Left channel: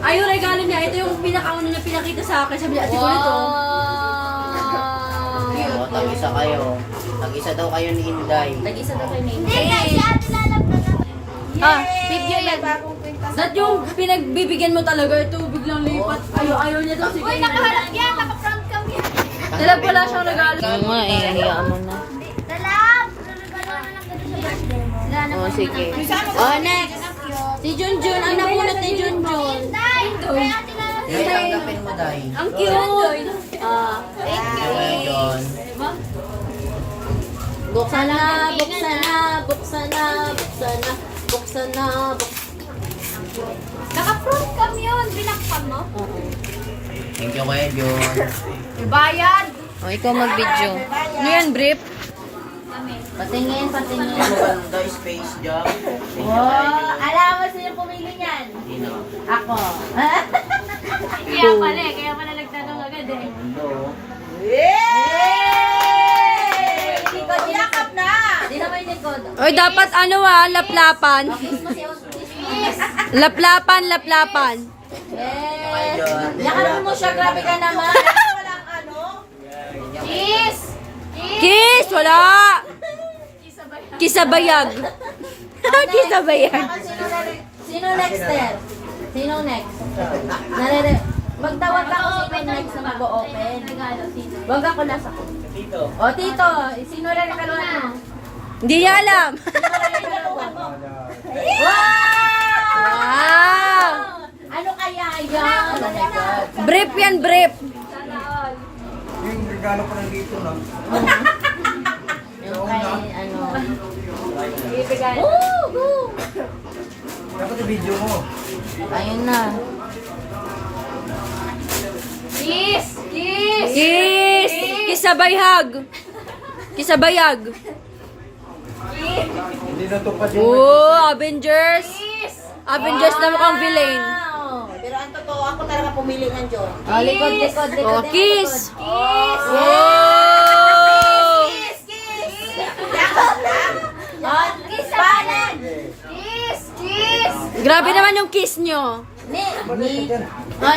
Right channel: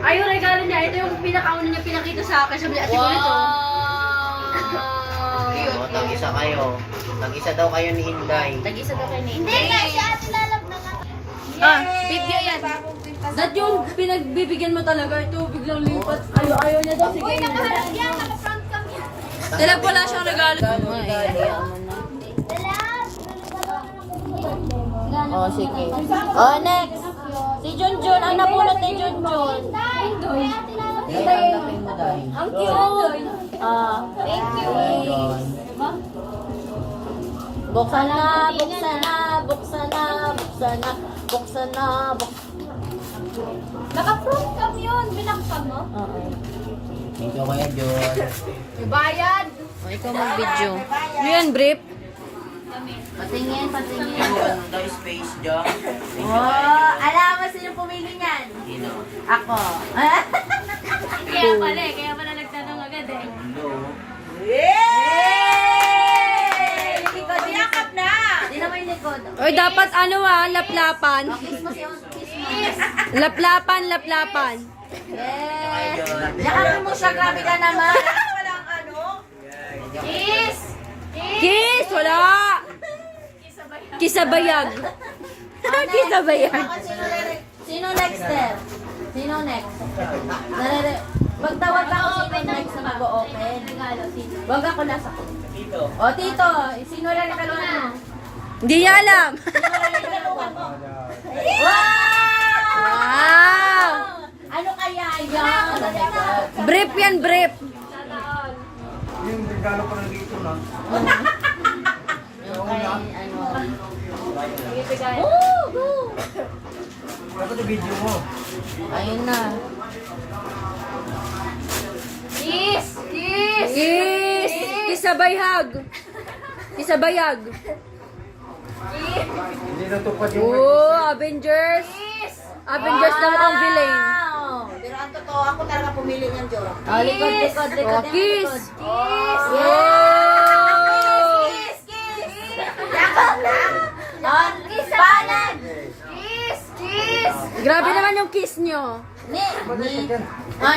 Ay, yung regalo niya. Ito yung pinakauna niya pinakita sa akin. Sabi niya, ate ko nito. O, tag-isa kayo. Tag-isa daw kayo ni Inday. Tag-isa daw kayo Hindi na, si ate lalap na lang. Video yan. That yung pinagbibigyan mo talaga. Ito, biglang lipat. Ayaw niya daw. Sige. Uy, nakaharap yan, naka-front cam yan. Tila wala siyang regalo. Nga eh, hayaan mo na. Lalap! Regalo na lang ganun. O, sige. O, next. Si Junjun. Ang napunot ni Junjun. Day! Uy, ate lalap. Day, tanggapin mo, Day. Ang cute. Kaya yun. Buksan na, buksan na, buksan na, buksan na, buksan na, Naka-front cam yun, binakpan mo. Thank you, Kuya John. Bayad! O, ikaw mag-video. Ano yan, brief? Patingin, patingin. Ano ba daw Space Jam? Thank you, Oh, Kuya John. alam mo sino pumili niyan? Sino? Ako. Kaya pala nagtanong agad eh. Mundo. Likod, yakap na! Sino may likod? Oy, dapat ano laplapan. Laplapan, laplapan. Kuya John. Yakap mo siya, grabe ka naman. Walang ano? Kiss! Kiss, wala. Kisabayag. Kisabayag. Sino next there? Sino next? Wag ako sino next na mag-o-open. Wag ako nasa. Dito. O, tito, sino rin nakaluan mo? Hindi niya alam. Wow! Wow. Ano kaya yan? Brief yan, brief. Yung regalo ko nandito na. Dapat yung video mo. Ayun na. Kiss! Kiss! Kiss. Kisabayag. Kisabayag. Hindi natupad yung Oh, Avengers. Kiss! Avengers na mukhang villain. Pero ang totoo, ako talaga pumili niyan, John. Oh, likod, likod, likod. Oh, kiss. Kiss! Oh. Kiss! Kiss! Oh, kiss panan! Kiss! Kiss! Grabe naman yung kiss nyo. Oh,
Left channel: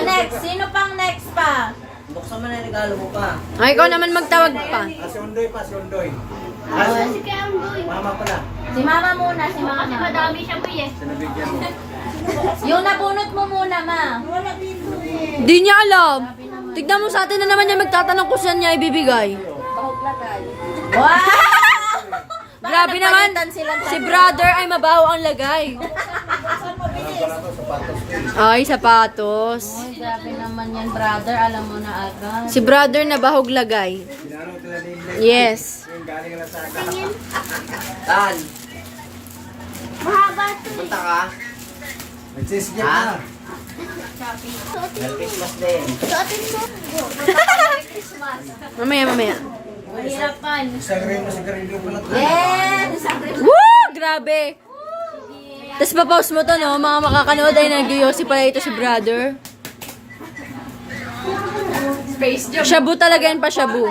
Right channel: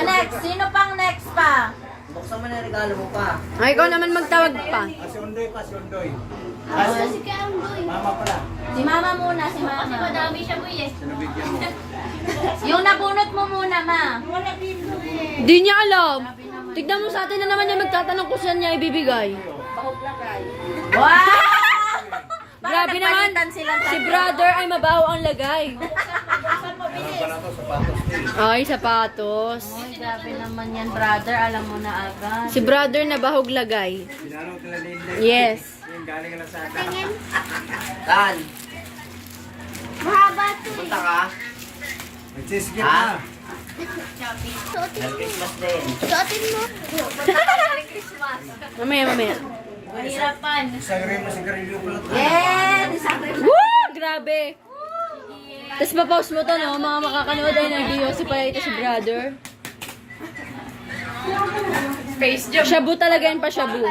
next. Sino pang next pa? Buksan mo na yung regalo mo pa. Ay, ikaw naman magtawag pa. Si Undoy pa, si Undoy. Mama pala. Si Mama muna, si Mama. Kasi madami siya po eh. Sinabigyan mo. Yung nabunot mo muna, Ma. Di niya alam. Tignan mo sa atin na naman niya magtatanong kung saan niya ibibigay. Wow! Grabe naman. Si brother ay mabaho ang lagay. Alam ko na to, sapatos ko eh. Ay, sapatos. Uy, grabe naman yan, brother. Alam mo na agad. Si brother na bahog lagay. Sinanong tila nila. Yes. Yung galing lang sa Tan, punta ka. Nagsiskip Ha? na. Merry Christmas din. Mamaya, mamaya. Mahirapan. Isang rin na sigarilyo pala. Yes! Woo! Grabe. Tapos pa-pause mo to, no? Mga makakanood ay nag-yosi pala ito si brother. Shabu talaga yan pa, shabu.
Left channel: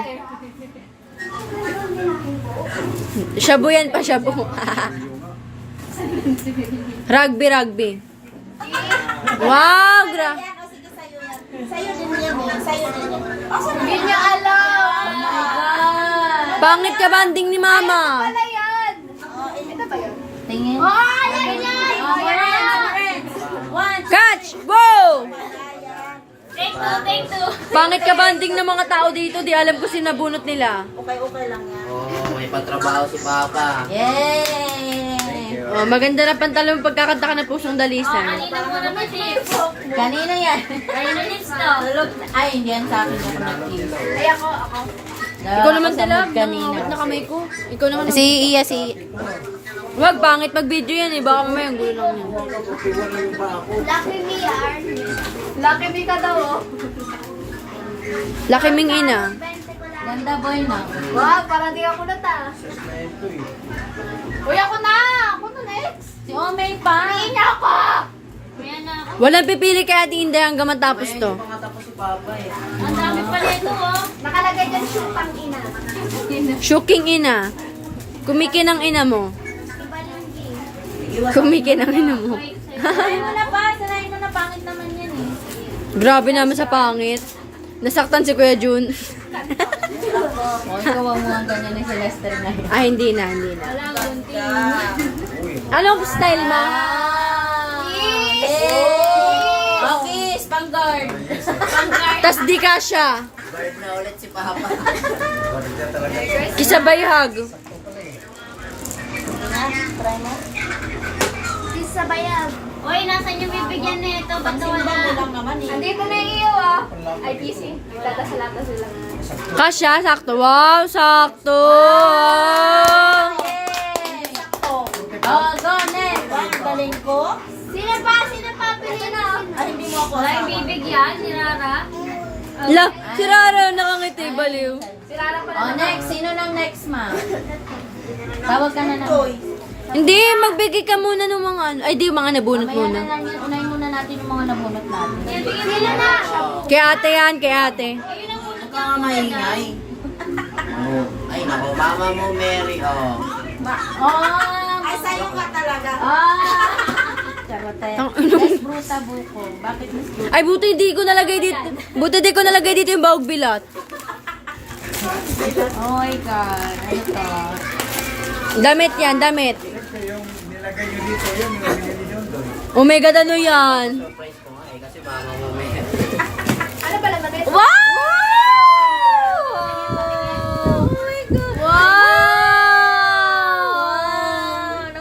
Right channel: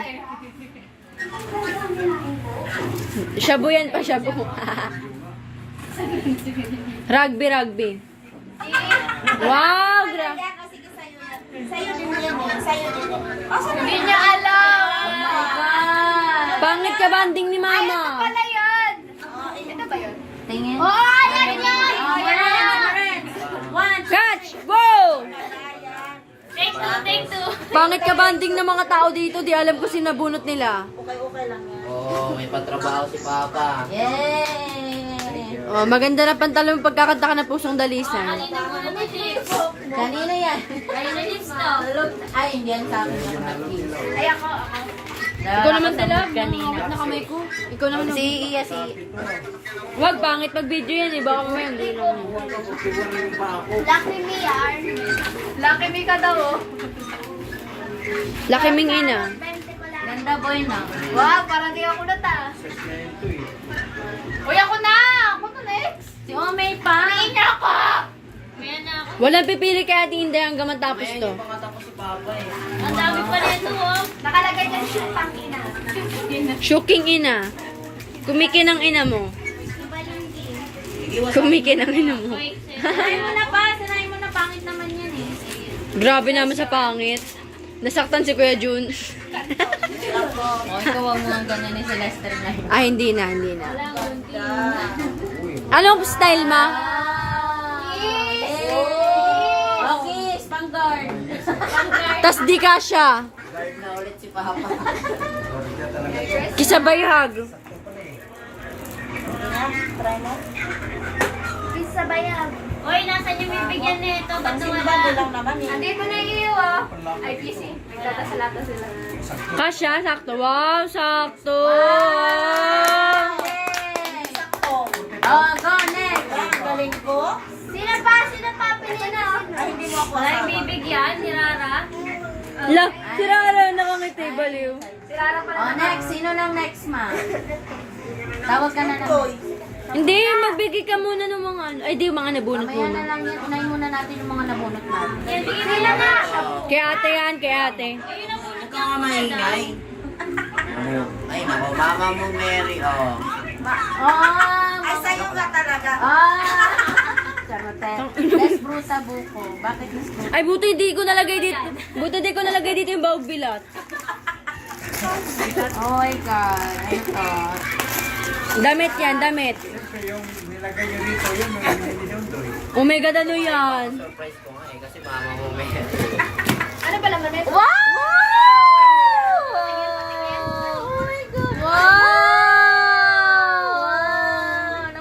Shabu yan pa, shabu. Rugby, rugby. Wow, Sa'yo din yan eh. Sa'yo din yan. Hindi niya alam. Oh my God. Pangit ka banding ni mama. Pala yan. Ito ba yun? Tingin. Oh, yan yan. One. Catch! Wow! Take two, take two. Pangit ka banding ng mga tao dito. Di alam ko sinabunot nila. Okay lang yan. Oh, may patrabaho si Papa. Yay! Oh, maganda na pantalon pagkakanta ka ng pusong dalisan. Kanina muna may tips. Kanina yan. Kanina tips na. Ay, hindi yan sa akin ako nag-tips. Ay, ako. Ikaw naman tilab, nangangawit na kamay ko. Ikaw naman si Iya, si... Wag, pangit mag-video yan eh. Baka mamaya ang gulo lang yan. Lucky me, yarn. Lucky me ka daw, oh. Laki ming ina. Ganda boy na. Wag, parang di ako na ta. Uy, ako na! Ako na next. Si Omay pa. Hindi na ako! Kuya na ako. Walang pipili kay Ate Inday hanggang matapos to. Hindi pa nga tapos si Papa eh. Ang dami pa nito, oh. Nakalagay din siyang ina. Shuking ina. Kumikin ang ina mo. Iwas Kumikin ang ina mo. Sanayin mo na pa. Sanayin mo na. Pangit naman yan eh. Grabe naman sa pangit. Nasaktan si Kuya Jun. O, ikaw ang mga ganyan ni si Lester na yun. Ay, hindi na. Anong style, ma? Okay, Spangard. Tas di ka siya. Guard na ulit si Papa. Kisabay hug. Try mo. Isa bayag. Hoy, nasan yung bibigyan nito? Ba't nawala? Mo lang naman eh. Andito na yung iyo, ah. Ay, kissing. Lata sila. Kasya, sakto. Wow, sakto. Sakto. Oh, go next. Ang galing ko. Sino pa? Pili na. Ay, hindi mo ako Wala yung kasama. bibigyan, si Rara. La, si Rara nakangiti, baliw. Si Rara pala Oh, next. Sino nang next, ma? Tawag ka na lang. Hindi, magbigay ka muna ng mga ano. Ay, di, mga nabunot Mamaya muna. na lang yan. Unahin muna natin yung mga nabunot natin. Bigyan nila na. Kay ate yan, kay ate. Ayun ang muna. Huwag ka maingay. Ay, nako, mama mo, Mary, oh. Ay, sa'yo ka talaga. Charote. Miss Bruta Buko. Bakit Miss Bruta? Ay, buti di ko nalagay dito. Buti di ko nalagay dito yung bawag bilat. Oh my God. Ano to? Damit yan, damit. Siyempre, yung nilagay nyo dito, yun, yung nilagay ni John Doy. Omega ano yan? Surprise ko nga eh, kasi mama mo, Mary. Ano pala man ito? Wow! Wow!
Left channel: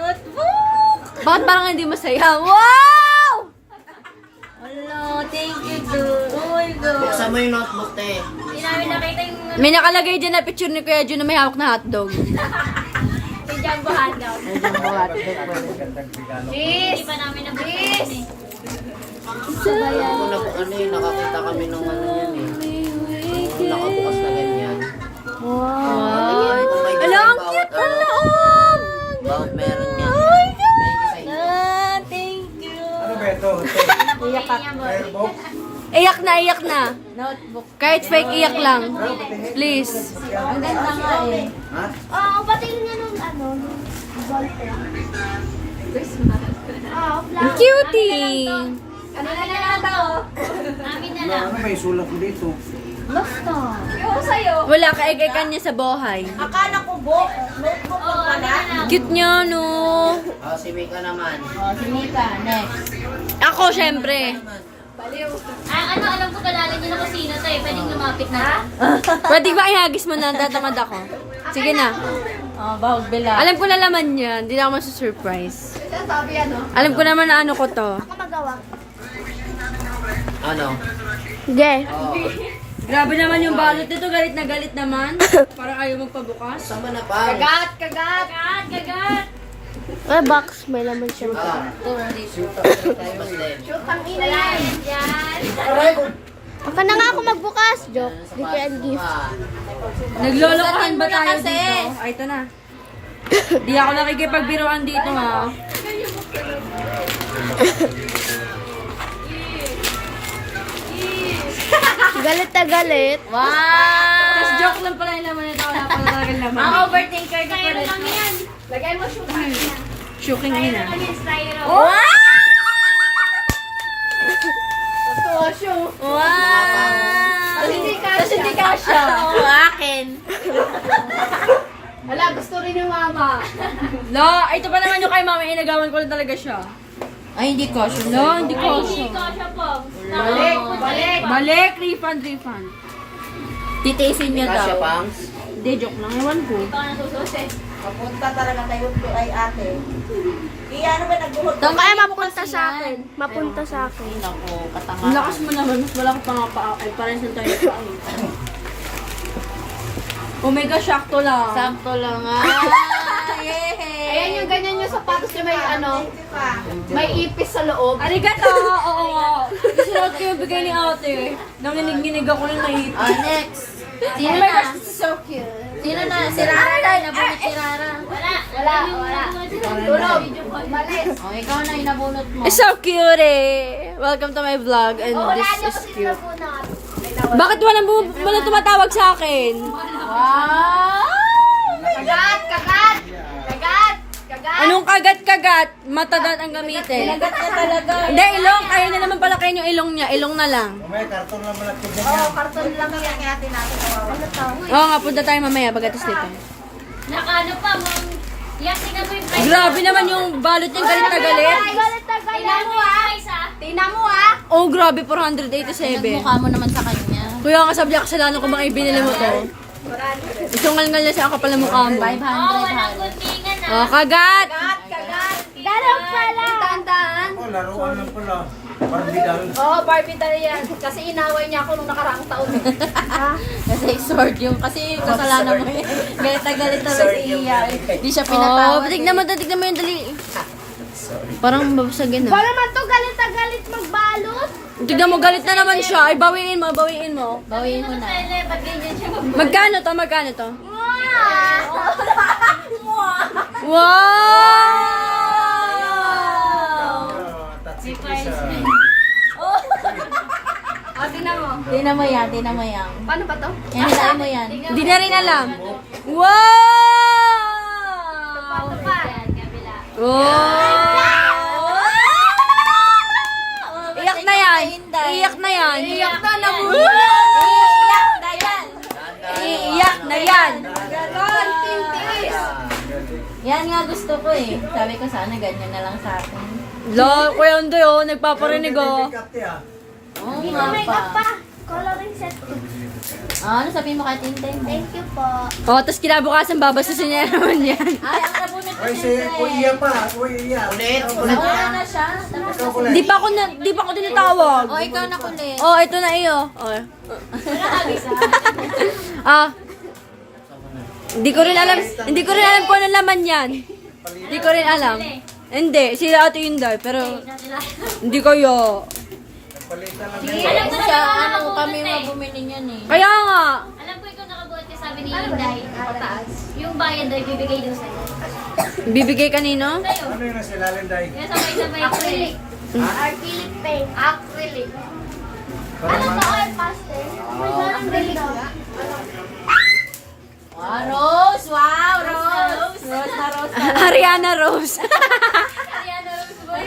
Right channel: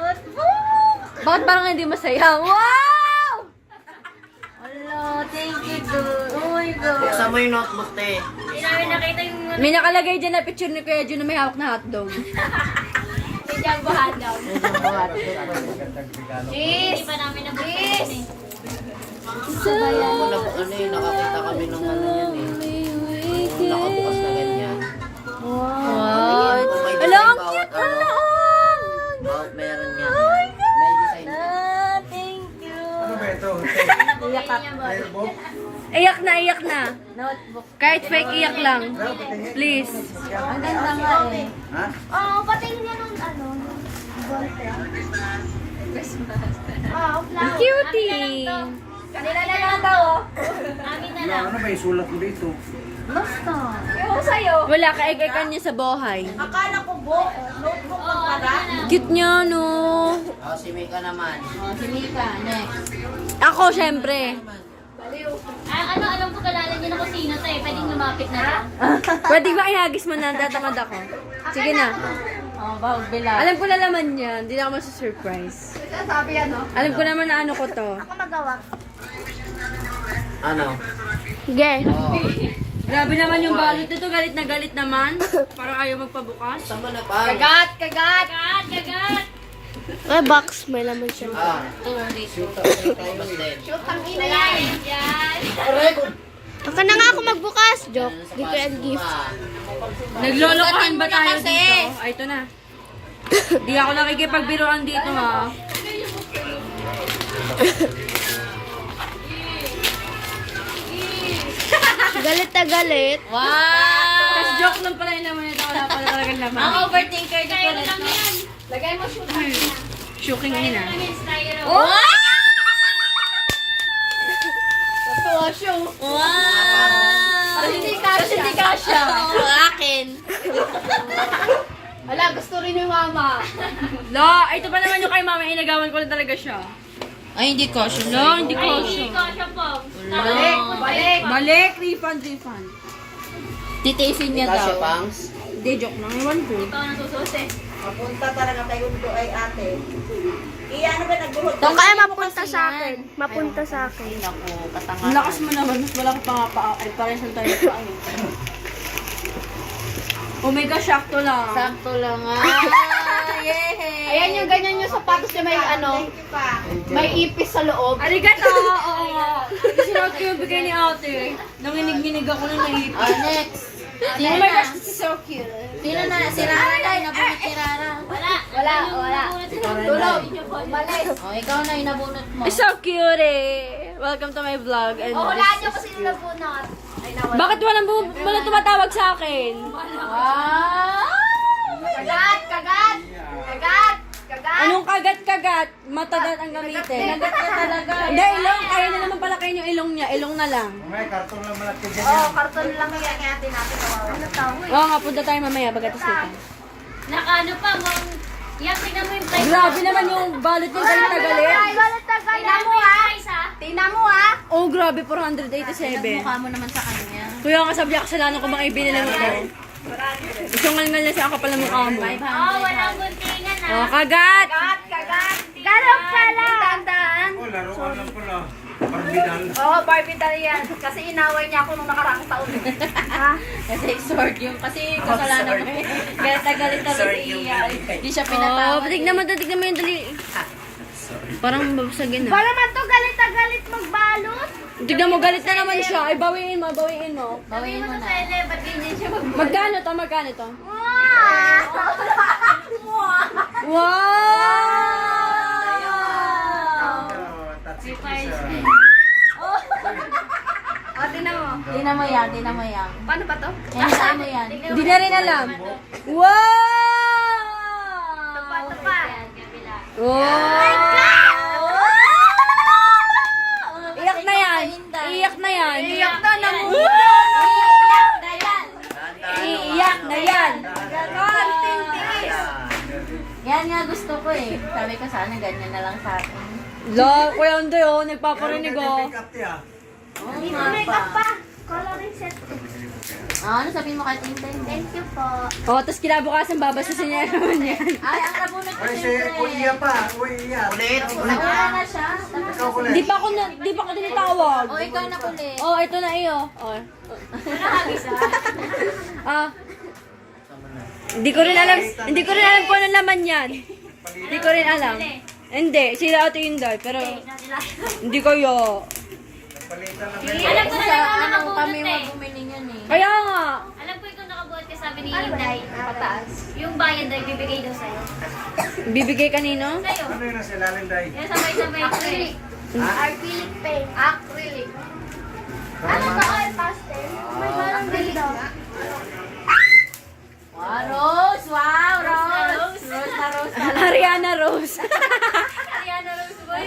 Bakit parang hindi masaya? Wow! Hello, thank you, dude. Oh my God. Buksan mo yung notebook, te. Hindi namin nakita yung May nakalagay dyan na picture ni Kuya Jun na may hawak na hotdog. Jumbo hot daw. Magandang regalo. Hindi pa namin nabuksan eh. Ano yun, nakakita kami nung ano yun eh. Nung nakabukas na ganyan. Wow! Kung may Ala, design ang bawat cute ng ano, loob! bawat meron yan. May design. Thank you. Ano ba ito? Iyak ka. Airbook? Iyak na. Notebook. Kahit fake iyak lang. Please. Ang ganda nga eh. Ha? Oo, pati niya nung ano, nung ballpen. Christmas. Oo, flower. Cutie! Kanina na lang daw, oh. Amin na lang. Ano may sulat mo dito? Basta. Yung sa'yo. Wala, kaikaikan niya sa buhay. Akala ko book. Notebook lang pala. Cute niya, no? Oh, si Mika naman. Oh, si Mika. Next. Ako, syempre. Ah, ano, alam ko kilala niyo na kung sino to eh. Pwedeng lumapit na lang. Pwede ba ihagis mo na? Tatamad ako. Sige na. Oh, bawag bila. Alam ko na laman yan. Hindi na ako masu-surprise. Sabi ano? Alam ko naman na ano ko to. Ako magawa. Ano? Ge. Oh, Grabe naman yung balot nito. Galit na galit naman. Parang ayaw magpabukas. saan ba na pa? Kagat! Kagat! Ay, box. May laman siya. Ah, Christmas din. Ang ina yan! Yan! Baka na nga ako magbukas. Joke. Di ko yan gift. Naglolokohan ba tayo dito? Ay, ito na. Di ako nakikipagbiruan dito, ha? Galit na galit. Wow! Tapos joke lang pala yung naman ito. Wala pala talagang Ang laman. overthinker ka Kaya rin. lang yan. Lagay mo shoot. Shuking ayun, ha? Kami styro. Oh! Wow! Kasi hindi kasha. Oo, akin. Wala, gusto rin yung mama. La, ito pa naman yung kay mama. Inagawan ko lang talaga siya. Ay, hindi ko. La, hindi Ay, kasha. ikaw siya po. Balik! Balik! Balik, refund. Titiisin niya Kasya daw. pangs? Hindi, joke lang. Ewan ko. Ikaw ang sususi. Punta talaga kayo ko ay ate. Ano ba nagbuhot? Doon kaya mapunta sa akin. Mapunta sa akin. Naku, patanga. Ang lakas mo naman. Mas wala ko pa nga pa. Ay, parang saan tayo pa. Omega, sakto lang. Sakto lang ah. Yay! Ayan yung ganyan yung sapatos niya may ano, may ipis sa loob. Arigato! Oo nga. Sinuot ko yung bigay ni ate. Nanginig-nginig ako ng naipit. Next. Oh Sino my na? gosh, this is so cute. Sino na? Si Rara na. Inabunot si Rara. Wala. Tulog. Malis. Oh, ikaw na inabunot mo. It's so cute eh. Welcome to my vlog and Wala this niyo is kasi cute. nabunot. Bakit walang tumatawag sa akin? Wow! Kagat! Kagat! Kagat! Kagat! Anong kagat-kagat? Matagat ang gamitin. Kagat ka talaga. Hindi, ilong. Kaya na naman pala kayo yung ilong niya. Ilong na lang. May karton na malaki dyan. Oo, karton lang yan. Ano tao? Oo nga, punta tayo mamaya pagkatas dito. Nakaano pa, mong... Yan, tingnan mo yung price. Grabe naman yung balot niyang galit na galit. Galit na galit. Tingnan mo Tingnan mo Oh, grabe, 487. Mukha mo naman sa kanya. Kuya, kasabi ako kasalanan ko bang ibinili mo to. Isungal-ngal na siya kapal na mukha mo. walang guntingan Oh, kagat! Dalawang pala. Tandaan. Oh, laruan lang pala. Barbidal. Oo, Barbie daw yan. Kasi inaway niya ako nung nakaraang taon. Kasi sword yung, kasi kasalanan mo. Galit na galit na si Iya. Hindi siya Oh, pinatawad. tignan mo yung dali. Parang babasagin na. Naman to, galit na galit magbalot. Tignan mo, galit na naman siya. Ay, bawiin mo, bawiin mo. Bawiin mo na. Ba't ganyan siya Magkano to, magkano to? Wow! Tatsik isa. O, tingnan mo. Tingnan mo yan, tingnan mo yan. Paano pa to? Hintayin mo yan. Hindi na rin alam. Wow! Paano pa? Wow! Iyak na yan. Iyak na yan. Iyak na naman. Iyak na yan. Iiyak na yan. Yan nga gusto ko eh. Sabi ko sana ganyan na lang sa akin. Lo, Kuya Undoy, oh, nagpaparinig, oh. Oo nga Makeup pa. pa. Coloring set. Ano sabihin mo kay Tintin? Thank you po. Oh, tapos kinabukasan babasisin niya naman yan. Ay, ang nabunod ko Uy, si Kuya pa. Uy, iya. Ulit. Wala na siya. Di pa ako tinatawag. O, ikaw na kulit. Oh, ito na iyo. Oh. Ah. Hindi ko rin alam kung ano laman yan. Hindi ko rin alam. Hindi, si Ate Inday, pero hindi kayo. Alam ko Siya, na ano, kami nakabunot eh. mabumili niyan eh. Kaya nga. Alam ko ikaw nakabuhat ka sabi ni Inday. Pataas. Yung bayad daw ibibigay daw sa'yo. Bibigay kanino? Sa'yo. Ano yun nasa ilalim dahil? Yan sabay-sabay acrylic. Acrylic paint. Acrylic. Ano to? Oil pastel? Oh my God, ang galing nga. Wow, Rose! Wow, Rose! Rose na Rose. Ariana Rose. Ariana Rose boy.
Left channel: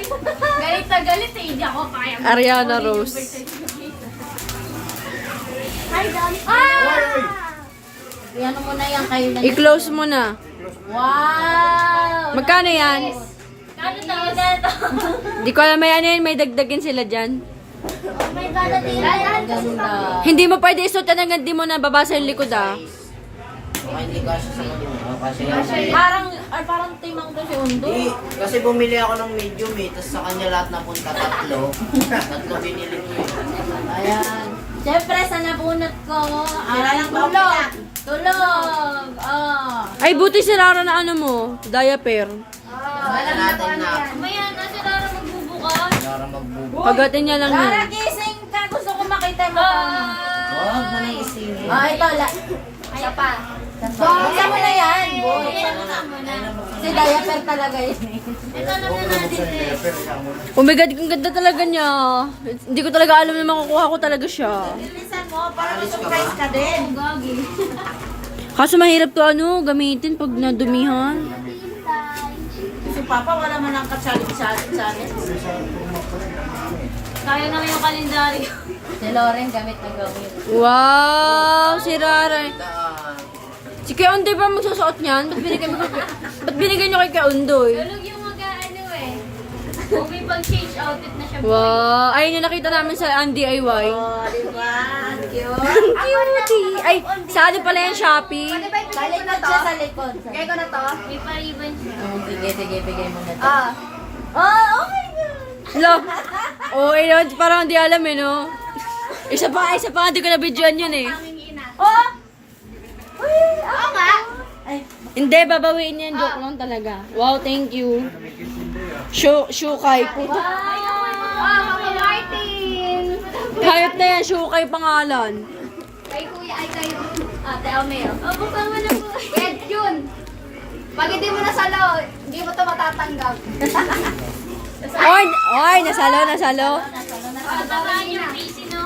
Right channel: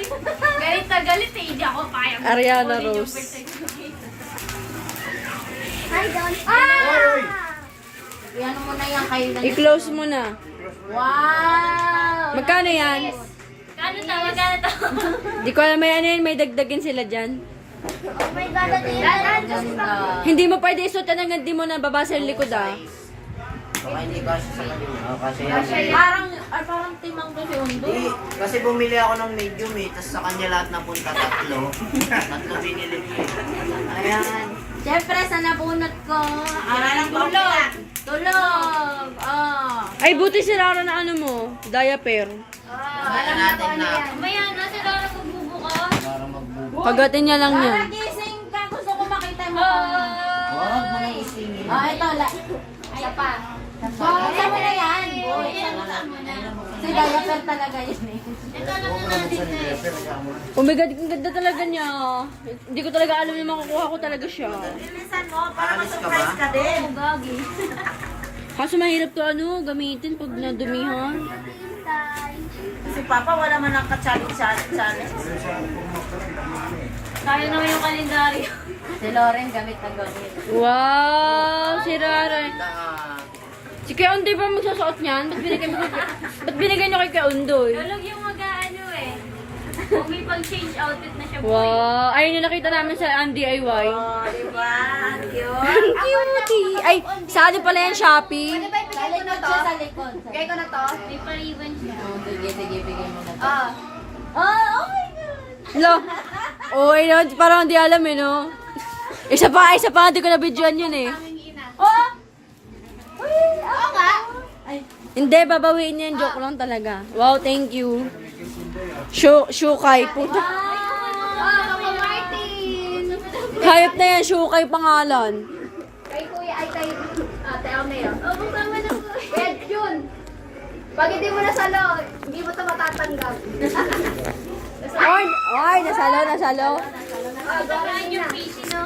Galit na galit eh. Hindi ako kaya. Ariana Rose. Hi, Don. Yan mo na yan kayo na. I-close mo na. Wow! Magkano yan? Kano to? Magkano to? Di ko alam yan, may dagdagin sila dyan. Oh my God, ang Ganda. Hindi mo pwede isuot yan hanggang di mo nababasa yung likod ah. Baka hindi kasi sa kanya. Kasi yan. Parang timang to si Undo. Kasi bumili ako ng medium eh. Tapos sa kanya lahat napunta tatlo. Tatlo binili ko eh. Ayan. Siyempre, sa nabunot ko, ay, tulog. Tulog! Oh. Ay, buti si Rara na ano mo, diaper. Kaya natin na. Maya na si Laura magbubukas. Para magbubo. Pagatin niya lang Para yan. gising ka, gusto ko makita mo. Huwag mo nang isingin. Oh, ito, Isa pa. Buksan mo na yan. Buksan mo na. Si diaper talaga yun. Ito naman natin eh. Oh my God, ang ganda talaga niya. Hindi ko talaga alam na makukuha ko talaga siya. Bilisan mo para Alis ka ma-surprise ba? ka din. Kaso mahirap to ano, gamitin pag nadumihan. Si Papa wala man ang ka-challenge-challenge. Kaya naman yung kalendaryo. Si Lauren gamit na gamit. Wow, si Rara. Ah, Si Kuya Undoy ba magsusuot niyan? Ba't binigay niyo kay Kuya Undoy? Tulog yung mag-ano eh. Kung may pag-change outfit na siya boy. Wow, ayun yung nakita namin sa DIY. Oh, di ba? Ang cute. Ang cute. Ay, sali pala yan Shopee. Sa likod siya, sa likod. Kaya ko na to? May pariban siya. Sige, bigay mo na. Ah. Oh my God! Lo. Oh, ayun, parang hindi alam eh, no? Isa pa, hindi ko na-videoan yun eh. Oh! Oo nga. Ay, Hindi, babawiin niya yung joke lang talaga. Wow, thank you. Shukay. Puta. Wow, Martin. Hayop na yan, Shukay pangalan. Kay Kuya ay kay Ate Almeo. Oh, buksan mo na po. Red yun. Pag hindi mo nasalo, hindi mo ito matatanggap. Oy, nasalo. Pagkakaan yung PC, no?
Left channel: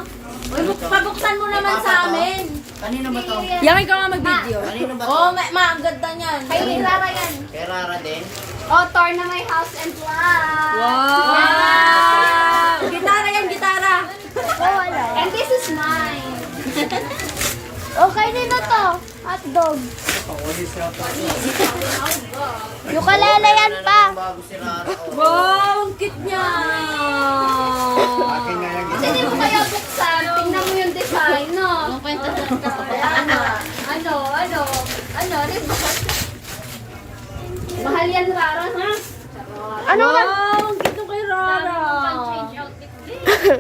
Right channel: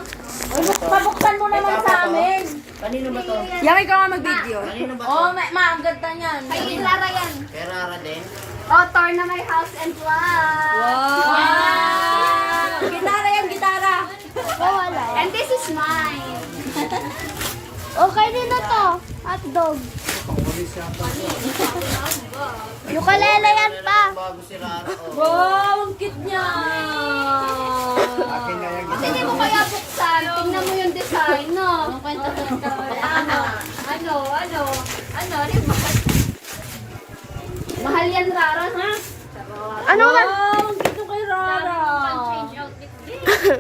pabuksan mo naman sa amin. kanino ba to? Yakin ka nga mag-video. Kanino ba to? Oh, ang ganda niyan. Kay Rara yan. Kay Rara din? Oh, Thor na may house and lot. Wow! Gitara yan, gitara. Oh, wala. And this is mine. Okay din na to. Hotdog. Ukulele yan pa. Bago si Rara. Oh. Wow, ang cute niya. Akin na yan. Hindi mo kaya buksan. Tingnan mo yung design, no? Mahal yan, Rara, ha? Ano Wow, na? ang cute ng kay Rara.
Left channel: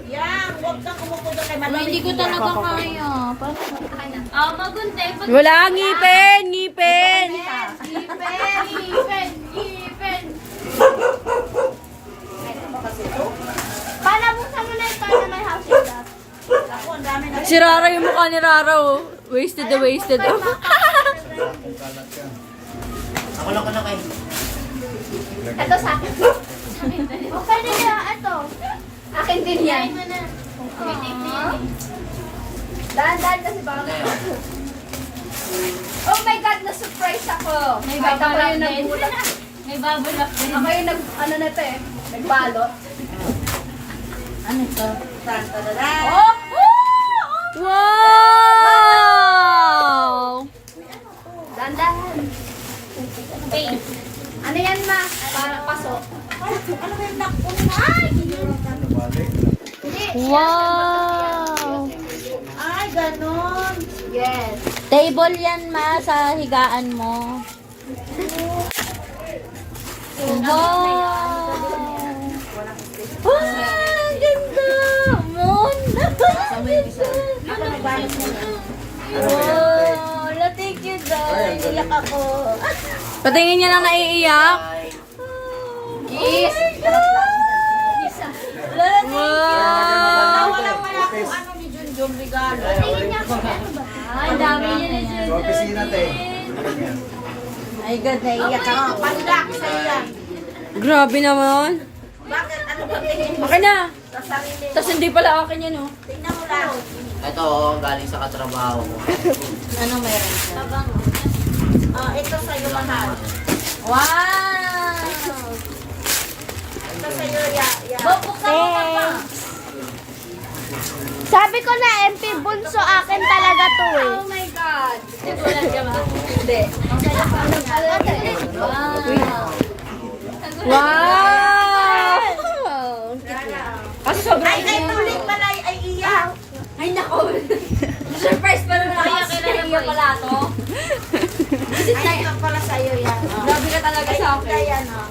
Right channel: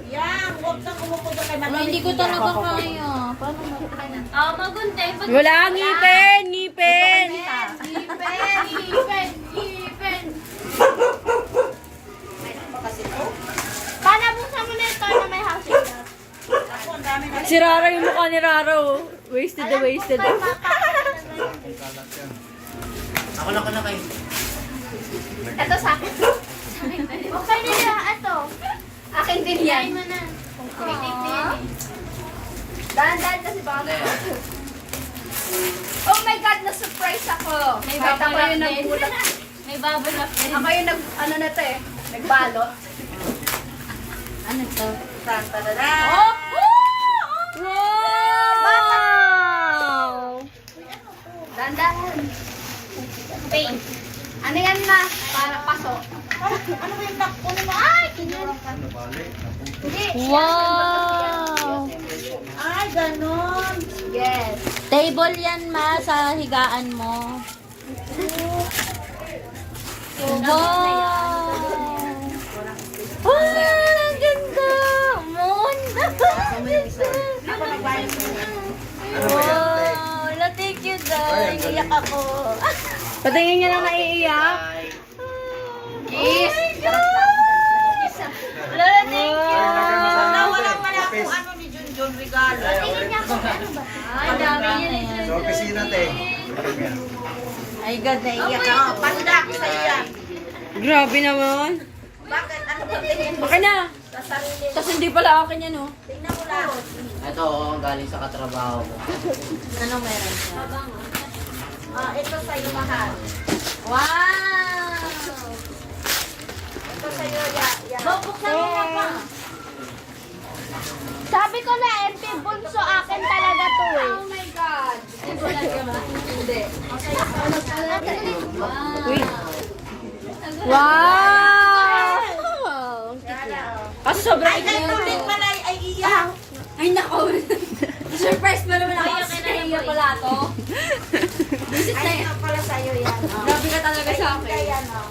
Yan, huwag kang kumukuha kay Mami. Hindi ko talaga kaya. Wala, ngipin, ngipin. Paano buksan mo na ito na may house and lot? Ako, ang dami na. Si Rara, yung mukha ni Rara, oh. Wasted na wasted, oh. Ako lang ko na kayo. Ito sa akin. Okay din yan. Ito. Akin din yan. Try mo na. Dahan-dahan kasi baka Oh my God, na-surprise ako. May Kahit ako bubble yung wrap din. nagbulat. May bubble wrap din. Ako yung ano na to eh. Nagbalot. Ano to? Tantadada. Wow! Dahan-dahan. Ano yan, ma? Para pasok. Ano ba yung nakpon mo? Ay! Ano, balik? Wow! Ay, ganon. Yes. Table yan, ma, sa higaan mo. Wow! Wow! Ang ganda! Moon! Ang ganda! Ako nagbayad mo. Ano ba yan, te? Wow! Thank you, Dad. Iyak ako. Patingin niya na naiiyak. Yes. Lola, thank you. Wow! Walang wala po ano ni Junjun regalo. Ay, dami niya na siya. Sa opisina, te. Welcome yan. Ay, God, naiiyak ako. Oh, pandak sa'yo yan. Grabe naman. Bakit? Ano ba tingin mo Okay na. sa sarili? Tapos hindi pala akin yun, oh. Tingnan mo lang. Ito, oh, galing sa katrabaho ko. Ano meron siya? Oh, ito sa'yo mahal. Wow! Ito sa'yo, ya. Sabi ko na, MP Bunso, akin talaga to eh. Oh my God. Hindi. Wow! Kasi sobrang Ay, kulit pala ay iyak. Ay, nako. Surprise pa naman ako. Kaya pala to. Ay, ito pala sa'yo yan. Oh. Grabe ka talaga sa akin. Ayan, oh.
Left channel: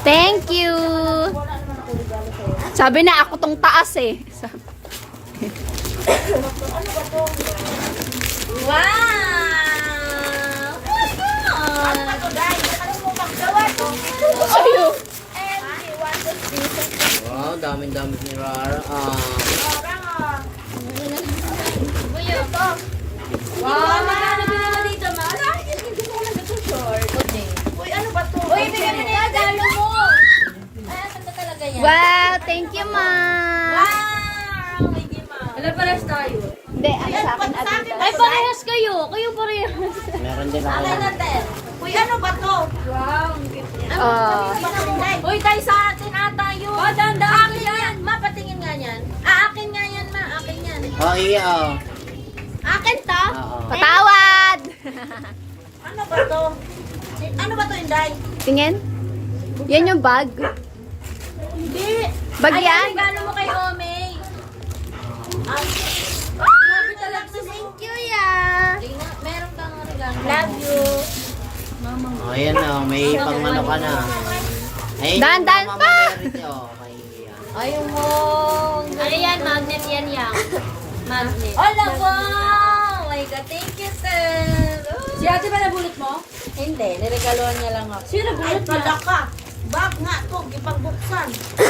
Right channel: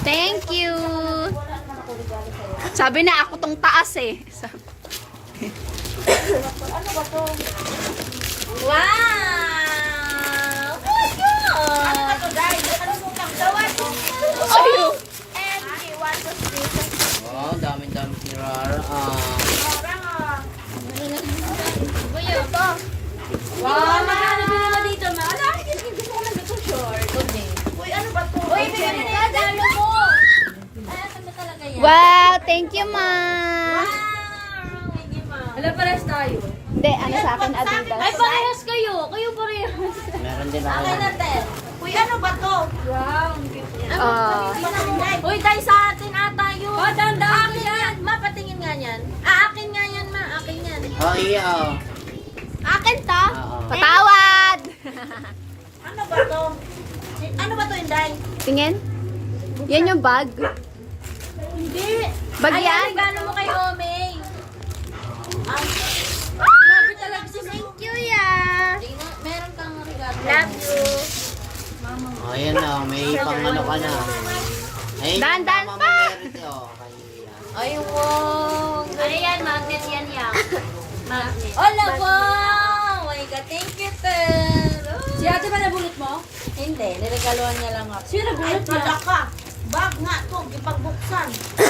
Thank you! Sabi na ako tong taas eh. Ano na to, guys? Ano mo pagdawat? Sa'yo. Wow, dami-dami ni Rara. Wow, magkano ba naman dito? Malaki yun. Hindi ko alam ito short. Uy, ano ba to? Uy, bigyan mo na yung galo mo. Ay, asan ba talaga yan? Wow, thank you, ma. Wala parehas tayo. Hindi, ano sa akin, Adidas. Ay, parehas kayo. Kayo parehas. Meron din ako yan. Natin. Uy, ano ba to? Wow, ang cute. Uy, tayo sa atin ata yun. Oh, dandaan ko yan. ma, patingin nga yan. Ah, akin nga yan, ma. Akin yan. Oh, iya. Oh. Akin to? Oo. Patawad! Ano ba to? Ano ba to, Inday? Tingin? Yan yung bag? Hindi. Bag yan? Gano mo kay Omey? Thank you, ya. Meron kang regalo. Love you. Oh, ayan na. Oh, may pang ano ka na. Ayun yung Dahan-dahan Mama pa. Mary, oh, kay Iya. Ayun mo. Ano yan? Magnet yan yan. Magnet. Hola, wow! My God, thank you, sir. Si ate ba nabulot mo? Hindi, niregaluhan niya lang ako. Sino Ay, nabulot niya? pala ka. Bag nga to, ipagbuksan.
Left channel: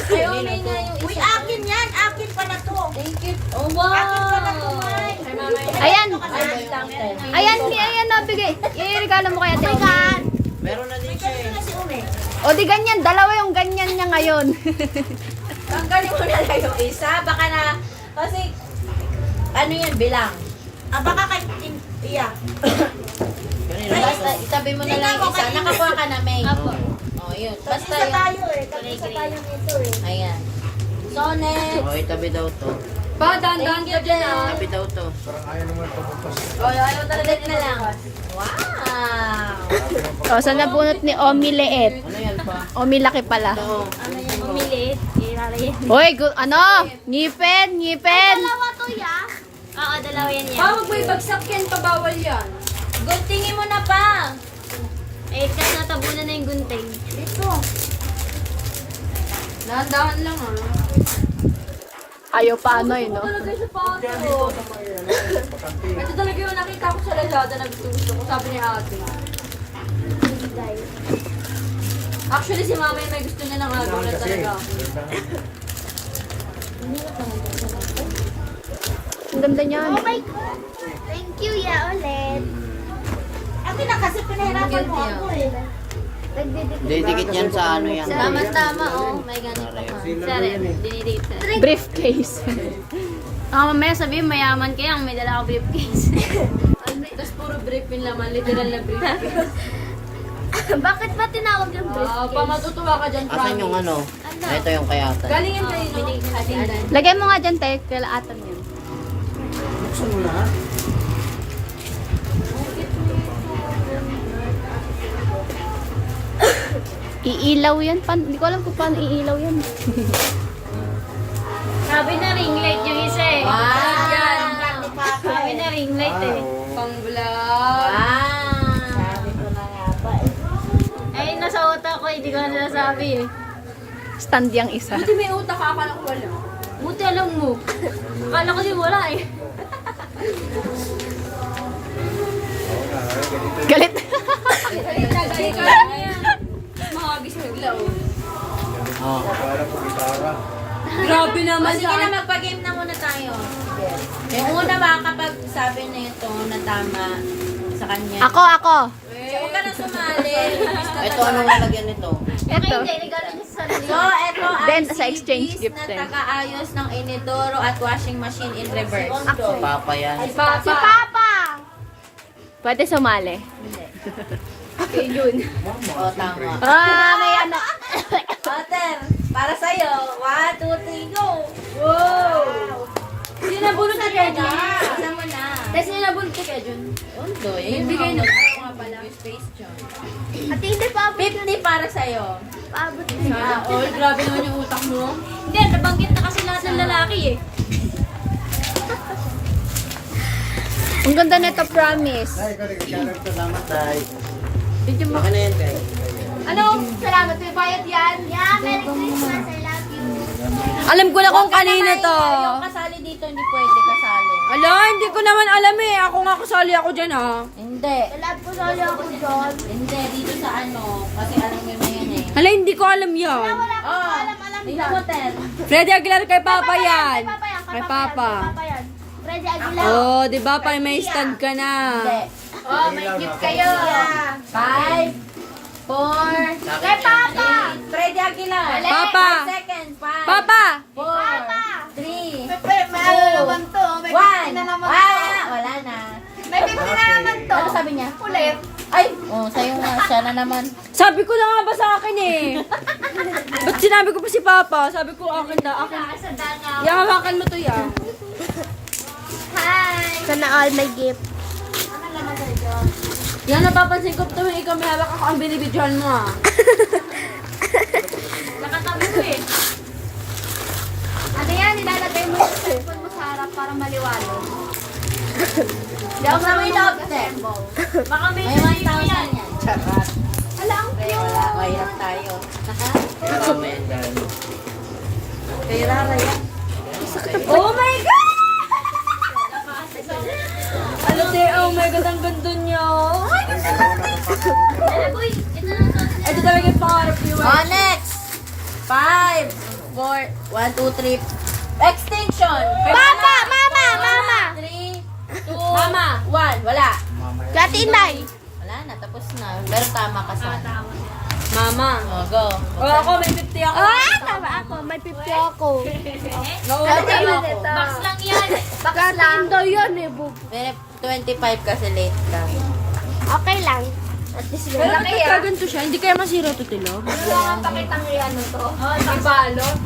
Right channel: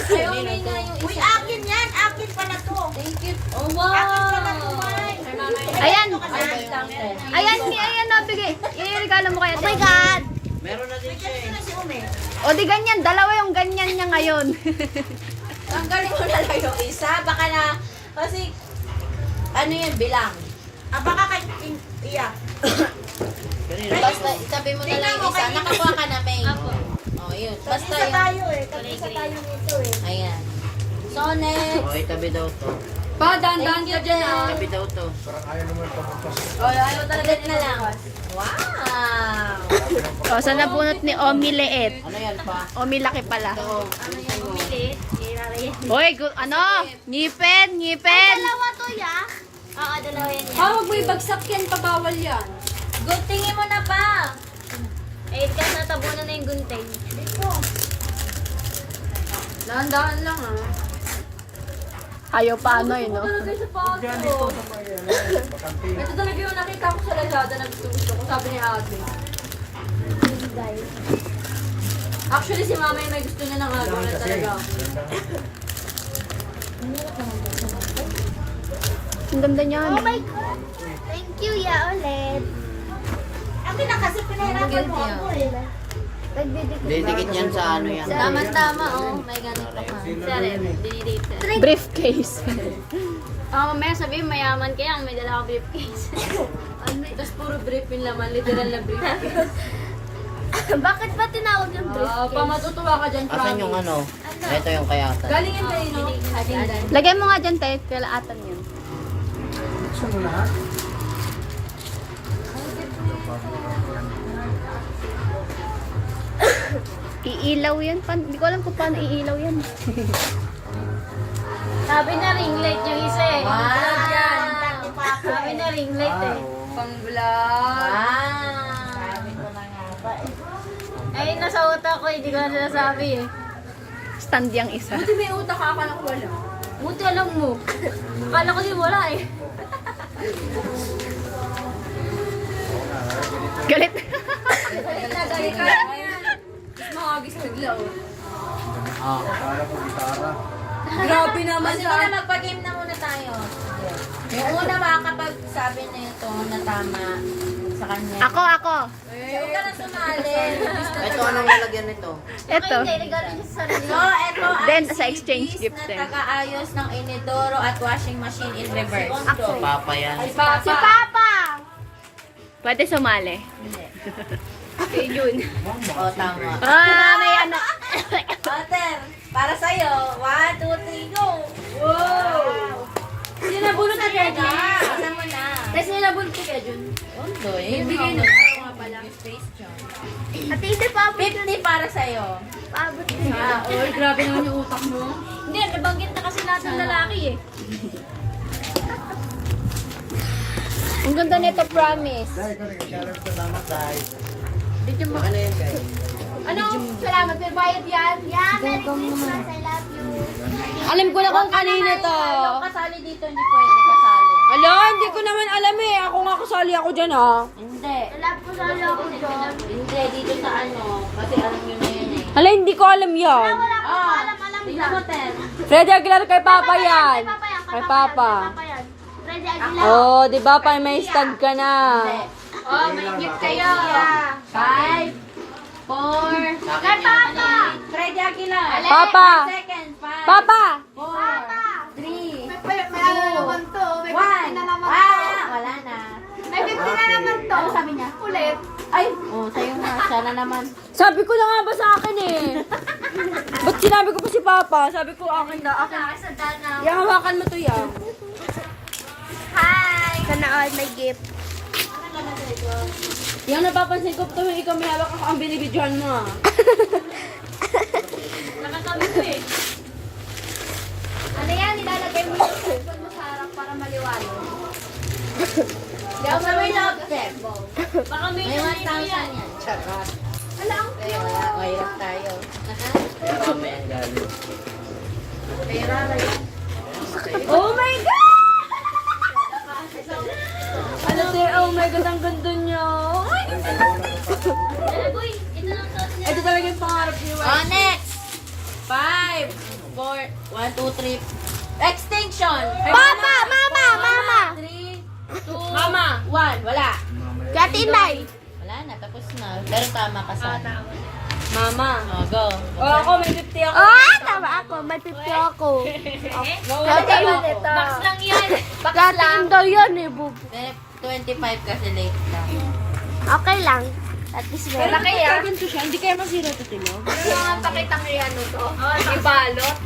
Ay, Omey na yung Uy, isa. akin yan. Akin pala to. Thank you. Oh, Akin pala to, wow! May. Kay mama yun. Ayan. Ay, discounted. Ayan na, bigay. I-regalo mo kaya, Ate Omi. Meron na din siya eh. Ito na si Ume. O di ganyan, dalawa yung ganyan niya ngayon. Tanggalin mo na lang yung isa. Baka na, kasi, ano yun, bilang. Ah, baka kay Iya. Kanina. Tapos itabi mo na lang yung isa. Nakakuha ka na, May. yun. Basta Isa yun. tayo eh. Isa tayo dito eh. Ayan. So, next. Okay, tabi daw to. Ba, dahan-dahan Thank ka you, dyan. Jen. Tabi daw to. Ulit na lang. Wow! O, sa nabunot ni Omi Leet. Ano yan pa? Omi laki pala. Ito. Hoy, ano? Ngipin, ngipin. Oo, dalawa yan yan. Huwag mo ibagsak yan, pagawal yan. Guntingin mo na pa. Eh, kasi natabunan na yung gunting. Dahan-dahan lang ah. Ayaw pa ano no? Talaga sa pato. Ito talaga yung nakita ko sa Lazada na gusto ko. Sabi ni ate. Actually, si mama yung may gusto niya ng agaw na talaga. Ang ganda niyan. Thank you, ya ulit. Ate na kasi pinahirapan mo ako eh. Didikit yan sa ano yan. Tama-tama, oh. May ganun ka pa. Sorry, dinidikit ko. Briefcase. Mamaya sabihin, mayaman kayo, may dala akong briefcase. Tapos puro brief yung laman, literal na brief. Bakit ba tinawag ng Pamatutuwa ka dyan, Asan yung promise. ano? Ito yung kayatan. Galingin kayo, no? Lagay mo nga dyan, te. Kalaatan yun. Buksan mo lahat. Iilaw yan. Hindi ko alam kung paano iilaw yan. Sabi na ring light yung isa eh. Wow! Yan. Sabi na ring light eh. Pang-vlog. Sabi ko na nga ba eh. Eh, nasa utak ko, hindi ko na sinasabi eh. Stand yung isa. Buti may utak ka, akala ko wala. Buti alam mo. Akala ko din wala eh. Galit. Galing ka. Makagis bigla, oh. Oh. Para po gitara. Grabe naman Sige na, magpa-game na muna tayo. Yung una makakapag-sabi na ito na tama sa kanya. Ako. Huwag ka na sumali. Ito anong lalagyan nito? Ito. So, ito Then, ang sa exchange CDs gift na din. taga-ayos ng inidoro at washing machine in reverse. Papa yan. Papa. Pwede sumali. O, tama. May ano. Oter, para sa'yo. 1, 2, 3, go! Wow! Sinabulot si Kevin. Isa mo na. Kasi sinabulot si Kevin. Undo, yun Bigay yung na. space dyan. At hindi pa 50 para sa'yo. paabot. Sana all. Grabe naman yung utak mo. Hindi, nabanggit na kasi lahat ng lalaki eh. Ang ganda nito, promise. Salamat, Tay. Bigyan mo. Ano yan, guys? Ano? Salamat. May bayad yan. Yeah, Merry Christmas. I love you. Alam ko na kung kanina to. Yung kasali dito, hindi pwede kasali. Ala, hindi ko naman alam eh. Ako nga kasali ako dyan, ha? Hindi. Love ko sali ako dyan. Hindi, dito sa ano. Kasi alam mo na yun eh. Hala, hindi ko alam yan. Oh, tingnan mo, Tel. Freddy Aguilar kay Papa yan. Kay Papa. Freddy Aguilar. Oh, di ba pa may stand ka na. Oh, may gift kayo. 5, 4, Kay Papa! Freddy Aguilar. Papa. 1 second. 5, Papa! 4, 3, Naman to. 1. Wala na. May 50 na naman to. Ano sabi niya? Ulit. Ay, oh, sa'yo nga. Sana naman. Sabi ko na nga ba sa akin eh. Ba't sinabi ko pa si Papa? Sabi ko akin na, akin. Yahawakan mo to yan. Sana all may gift. Yan, napapansin ko tuwing ikaw may hawak ako ang binibidyohan mo ah. Nakatabi ko eh. Ano yan? Nilalagay mo yung cellphone mo sa harap para maliwanag. Hindi ako may object. Baka may 1,000 yan. Wala ang cute. Mahirap tayo. Marami yan, guys. Oh my God! Ano te, oh my God, ang ganda niya. Uy, ito na to. Ito talaga yung pangarap niyo Oh, eh. next. 5, 4, 1, 2, 3. Extinction. Papa! Mama! 3, 2, Mama. 1. Wala. Kati Inday. Wala na, tapos na. Pero tama ka sana. Mama. Oh, go. Oh, ako may 50 ako. Tama ako. May 50 ako. Mawala Kati tayo Inday. ako. Box lang yan. Kati Inday yan eh, bub. Eh, 25 kasi late lang. Okay lang. At least Pero ganun. kapag ganito siya, hindi kaya masira ito tulog. Yung pakitang ano to. May balot.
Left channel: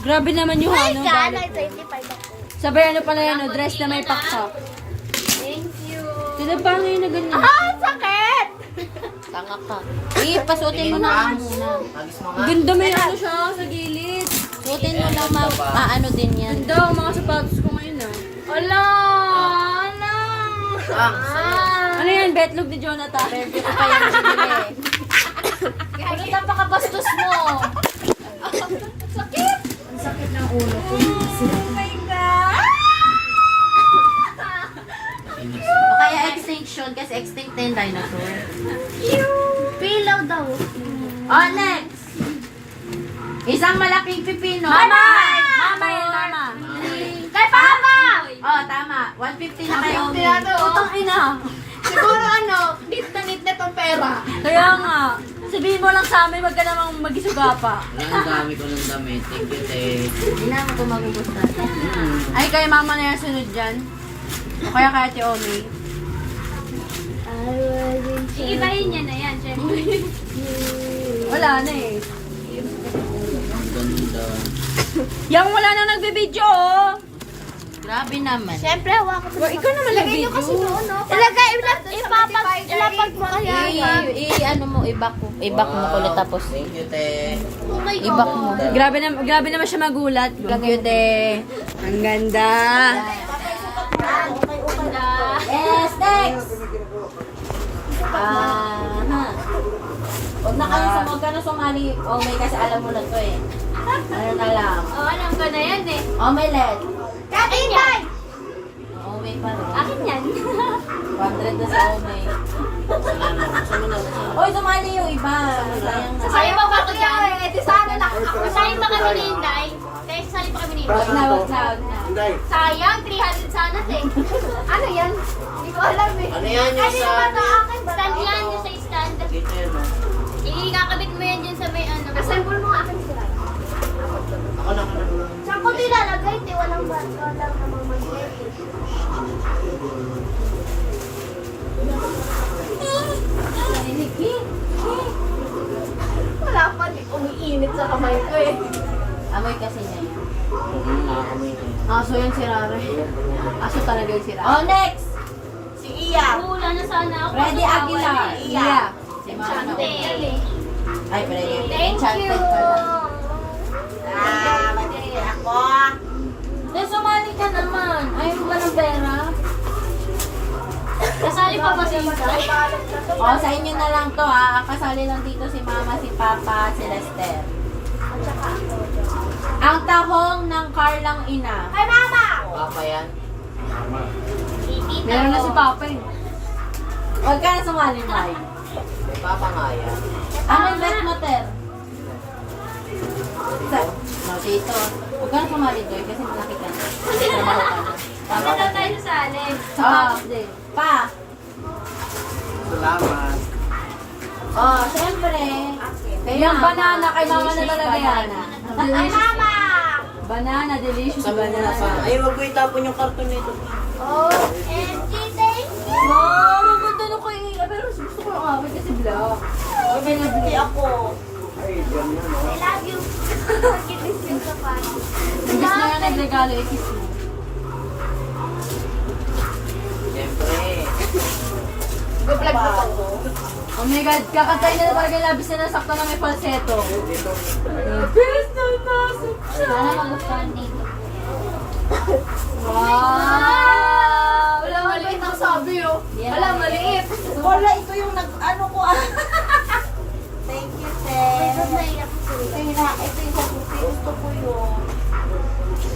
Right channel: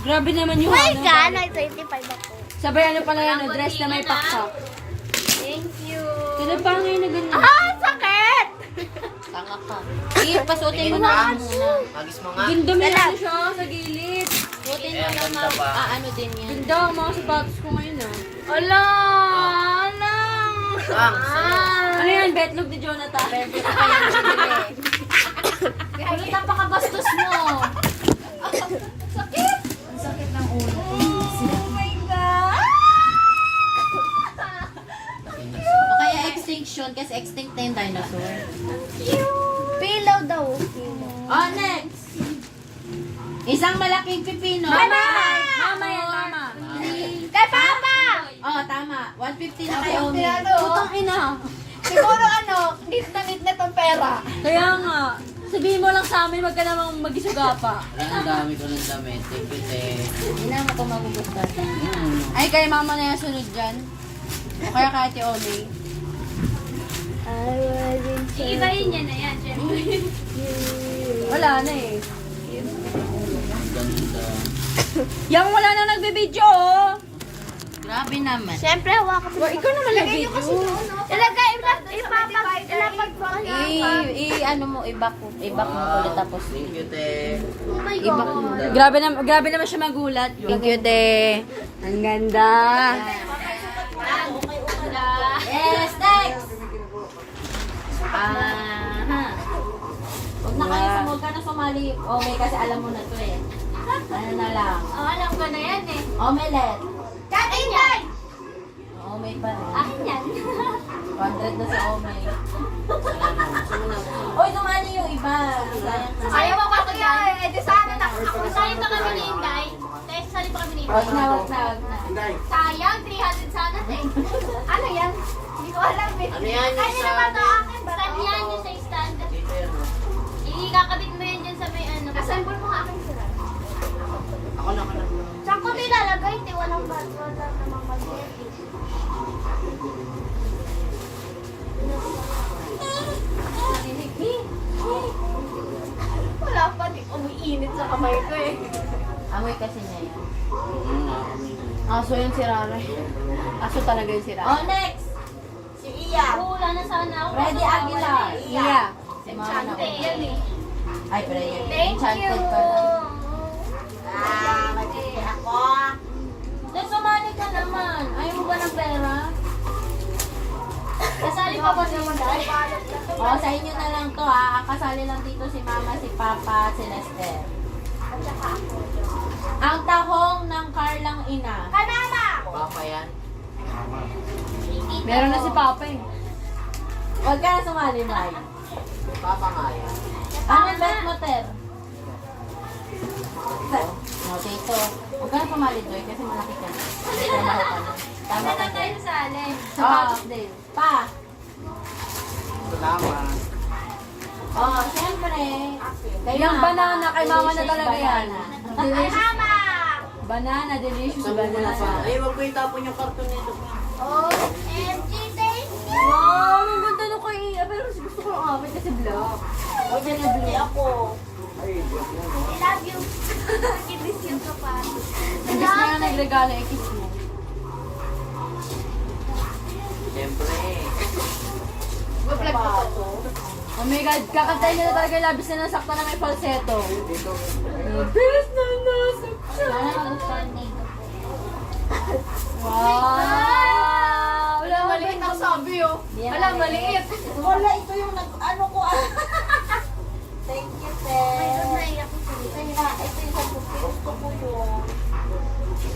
Grabe naman yung ano. Ka, 25 ako. Sabay ano pala yan, dress na may pakpak. Thank you. Pinapangay na ganyan. Ah, sakit! Tanga ka. Pasuotin mo na muna. Agis mo nga. Ganda may ano siya sa gilid. Suotin mo na maano din yan. Ganda ang mga sapatos ko ngayon ah. Ala! Ano yan, betlog ni Jonathan? Wala ka pakabastos mo. O kaya extinction kasi extinct na yung dinosaur. Pillow daw. Oh, next! Isang malaking pipino. Mama! Mama yan, mama. Kay Papa! Oh, tama. 150 na kayo. Putang ina. Siguro ano, nit na tong pera. Kaya nga, sabihin mo lang sa amin, wag ka namang magisuga pa. Ang dami ko ng damit. Thank you, te. Hindi na ako ito magubos natin. Ay, kay mama na yan sunod dyan. O kaya kay Ate Omi. Iibahin niya na yan, syempre. Wala na eh. Ang ganda. Yang wala na nagbibideo oh. Grabe naman. Siyempre, hawakan mo. Ikaw naman nagbibideo. Ilagay, ilapag mo kasi. Ano mo, ibak mo ulit tapos. Thank you, te. Oh my Ibak mo. Grabe naman siya magulat. Cute. Ang ganda. Yes, next! Huwag ka na sumali. Oh, may kasi alam mo na to eh. Ano na lang. Oh, alam ko na yan eh. Omelette. Akin yan! Omay pa rin. Akin yan. 100 na sa omay. Oy, sumali yung iba. Sayang na. Ayaw mo ba ako dyan? Eh, di sana na ako. Sayang pa kami ni Inday. Sayang pa kami ni Wag Inday. na, wag na, wag na. Inday. Sayang, 300 sana eh. Ano yan? Hindi ko alam eh. Ano yan yung Ano sa... naman to akin? Stand yan, yung sa stand. Dito yan, no? Ikakabit mo yan dyan sa may ano. Assemble mo nga akin sila. Ako lang. Saan ko nilalagay? Hindi, walang namang mag-take. Wala pa, umiinit sa kamay ko eh. Amoy kasi niya yun. Nakakamoy na. Aso yan si Rare. Aso talaga yung si Rare. Oh, next! Si Iya. Wala na sana ako. Freddy Aguilar. Iya. Si Mama na Chante. Ay, Freddy. Thank Enchanted you. pala. Magiging ako. Then, sumali ka naman. Ayaw mo ba ng pera? Kasali pa ba si Inday? Oh, sa inyo na lang to ha. Kasali lang dito si Mama, si Papa, si Lester. Ang tahong ng Carlang ina. Kay Mama! Papa yan. Meron na si Papa eh. Huwag ka na sumali, Mai. May papa nga yan. Ano bet mo, Ter? No, dito. Huwag ka na sumali, Joy, kasi malaki ka na. Tama Wala ka. tayo sa alin. Oh, pa. Salamat. Oh, siyempre. Kaya Yung banana, kay Mama na talaga yan. Mama! Banana, delicious Sabi mo na pa. Ay, wag ko itapon yung karton nito. Oh, MG, thank you! Wow, ang ganda na ko eh. Pero gusto ko yung akin kasi black. O, hindi ako. Ay, yan na, no? I love you. Kinis yung kapal. Ang gusto na nagregalo, i-kiss mo. Siyempre. Go-vlog ko to. Oh my God, kakatay na talaga labis na nasakto ng may falsetto. Labis na nasakto. Sana magustuhan dito. Wow! Wala, maliit ang sabi oh. Yeah. Wala, maliit. Wala, ito yung ano ko. Thank you, Te. Ito yung gusto ko yung.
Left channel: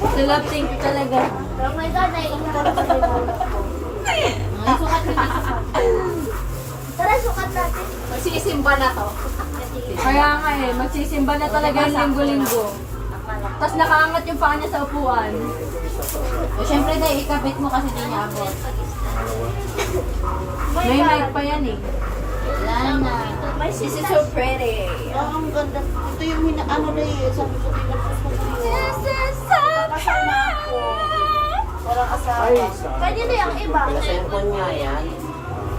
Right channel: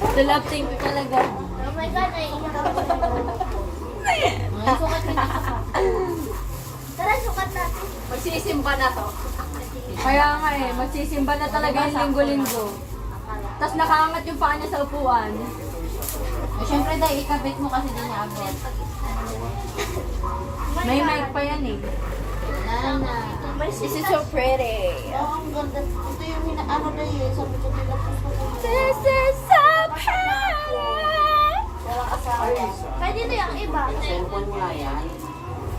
The love thing talaga. Oh my God, naiingat ako. Mga sukat mo yung sukat. Tara, sukat natin. Magsisimba na to. Kaya nga eh, magsisimba na talaga yung linggo-linggo. Tapos nakaangat yung paa niya sa upuan. O, syempre dahil ikabit mo kasi di niya abot. May mic pa yan eh. Wala na. This is so pretty. Oh, ang ganda. Ito yung ano na yun. Sabi ko din na gusto ko yun. This is so pretty. Walang asawa. Pwede na yung iba. Cellphone nga yan.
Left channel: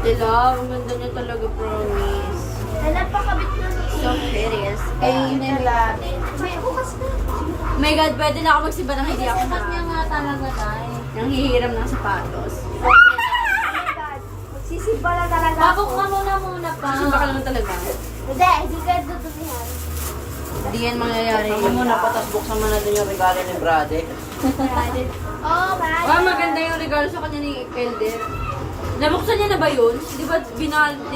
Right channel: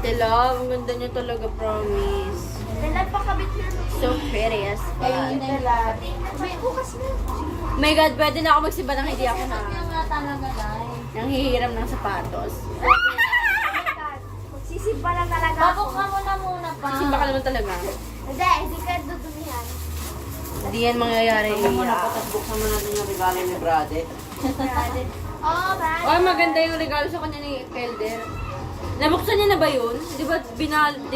Ate Love, ang ganda niya talaga, promise. Nalapakabit na. So pretty as Ay, nila. May bukas na. Oh my God, pwede na ako magsimba ng hindi ako Sukat niya nga talaga tayo. nang hihiram ng sapatos. Sisimba na talaga. Babok ka muna pa. Simba ka naman talaga. Hindi, hindi ka dudumihan. Hindi yan mangyayari. Ako muna, patas buksan mo natin yung regalo ni Brade. Oh, marami. Ah, maganda yung regalo sa kanya ni Elder. Nabuksan niya na ba yun? Di ba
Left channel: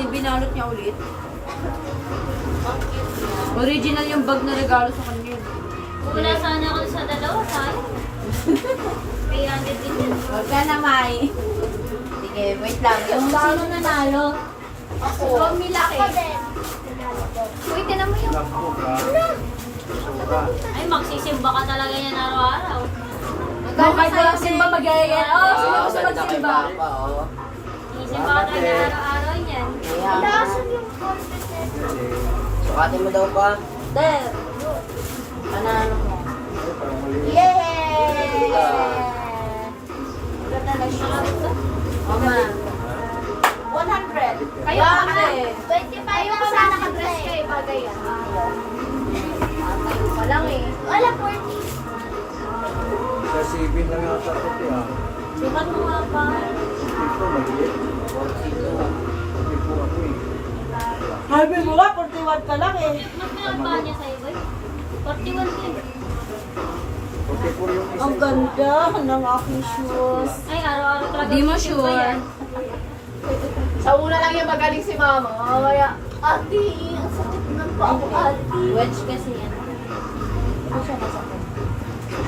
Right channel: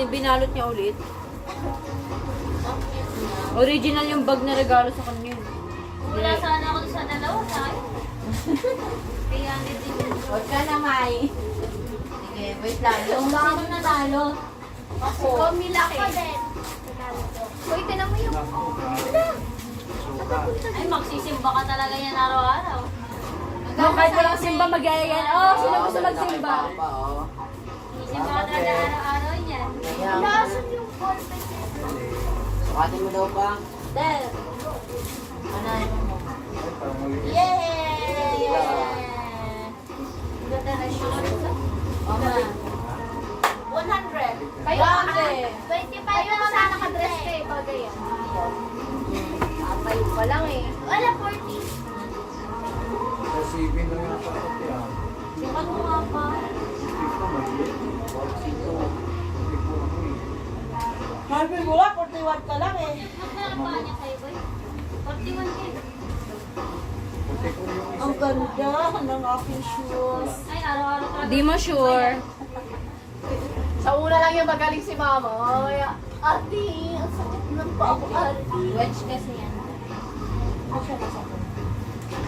binalot niya ulit? Original yung bag na regalo sa kanya. Wala sana ako sa dalawa, tayo. Kaya din yun. Huwag ka na, Mai. Sige, wait lang. Yung sino nanalo? Ako. Milaki. Ako din. Uy, tinan mo yung... Ay, magsisimba ka talaga yan araw-araw. No, kahit walang simba, magyayaya. Oh, sino gusto ganda kay magsimba? Papa, oh. Sisimba ka talaga araw-araw yan. Naasan yung confidence. Sukatin mo daw pa. Del. Panalo mo. Yay! Ganda na siya. Mama. 100. Kayo, Bakit? 25 Kayo ako pa sa na nakadress nakadress eh. kayo, bagay yan. Tayo pa lang eh. Wala, 40. Sa saving lang yata ito ah. Sikat mo nga pa. Ito, maliit. Hindi po ako eh. Sabi mo nga, 41 ka lang eh. Mas pinagpaka niya sa'yo, boy. 41 din. Puti po yung isa. Ang ganda ng aking shoes. Ay, araw-araw talaga. Di mo sure. Sa una lang yung magaling si mama. Kaya, ate, ang sakit ng paa ko, ate. Wedge kasi yan.